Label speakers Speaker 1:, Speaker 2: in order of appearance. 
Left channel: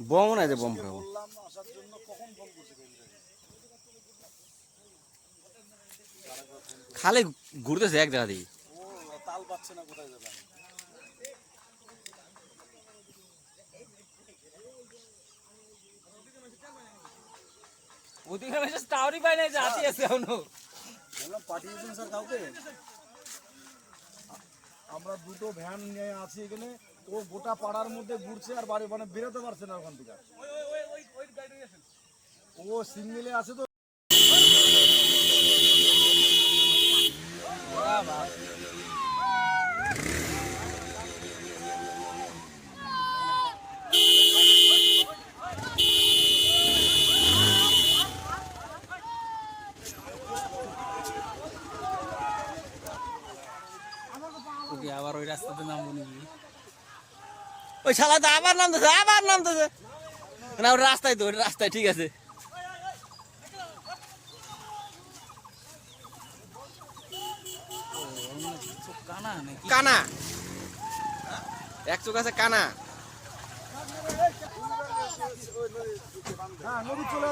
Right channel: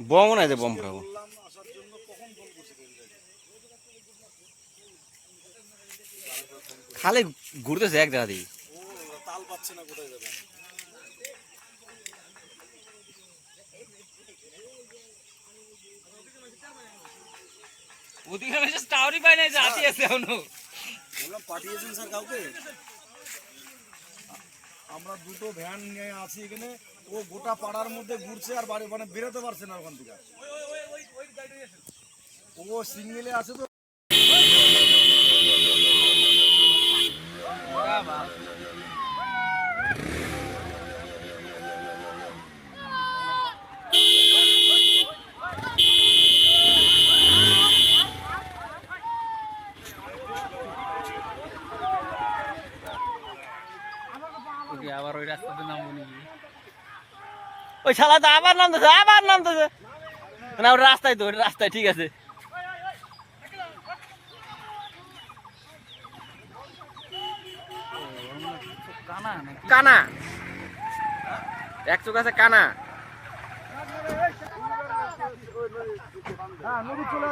Speaker 1: Bomb নাই যে bomb ফুরাবো খালি ঘুরতেছে এক দেখা দিই
Speaker 2: তাল পাচ্ছে না, কোথায় যাবে?
Speaker 3: ওদিকে আমি টাওয়ারই পাই না যে হাতি আছে
Speaker 2: এখনও। পাঠিয়েছেন স্যার কাউকে? আমরা দুটো ভ্যান নিয়ে আছি এখানে, ও গোটা পাড়ার মধ্যে ঘুরছে আর বাড়ি মানে বেরোতে পারছে না ওখান থেকে। ও সিঙ্গেলে আছে তো?
Speaker 3: ওকে আবার ওই রাস্তাতে নামবো নাকি?
Speaker 1: ওই শালা তো আবার নামতেছে আবার নামতেছে। না ওটা রাস্তায় তো রাস্তায় ঠিক আছে।
Speaker 3: কানা।
Speaker 1: কানা এক চোখ আছে কানা।
Speaker 2: হ্যাঁ চলে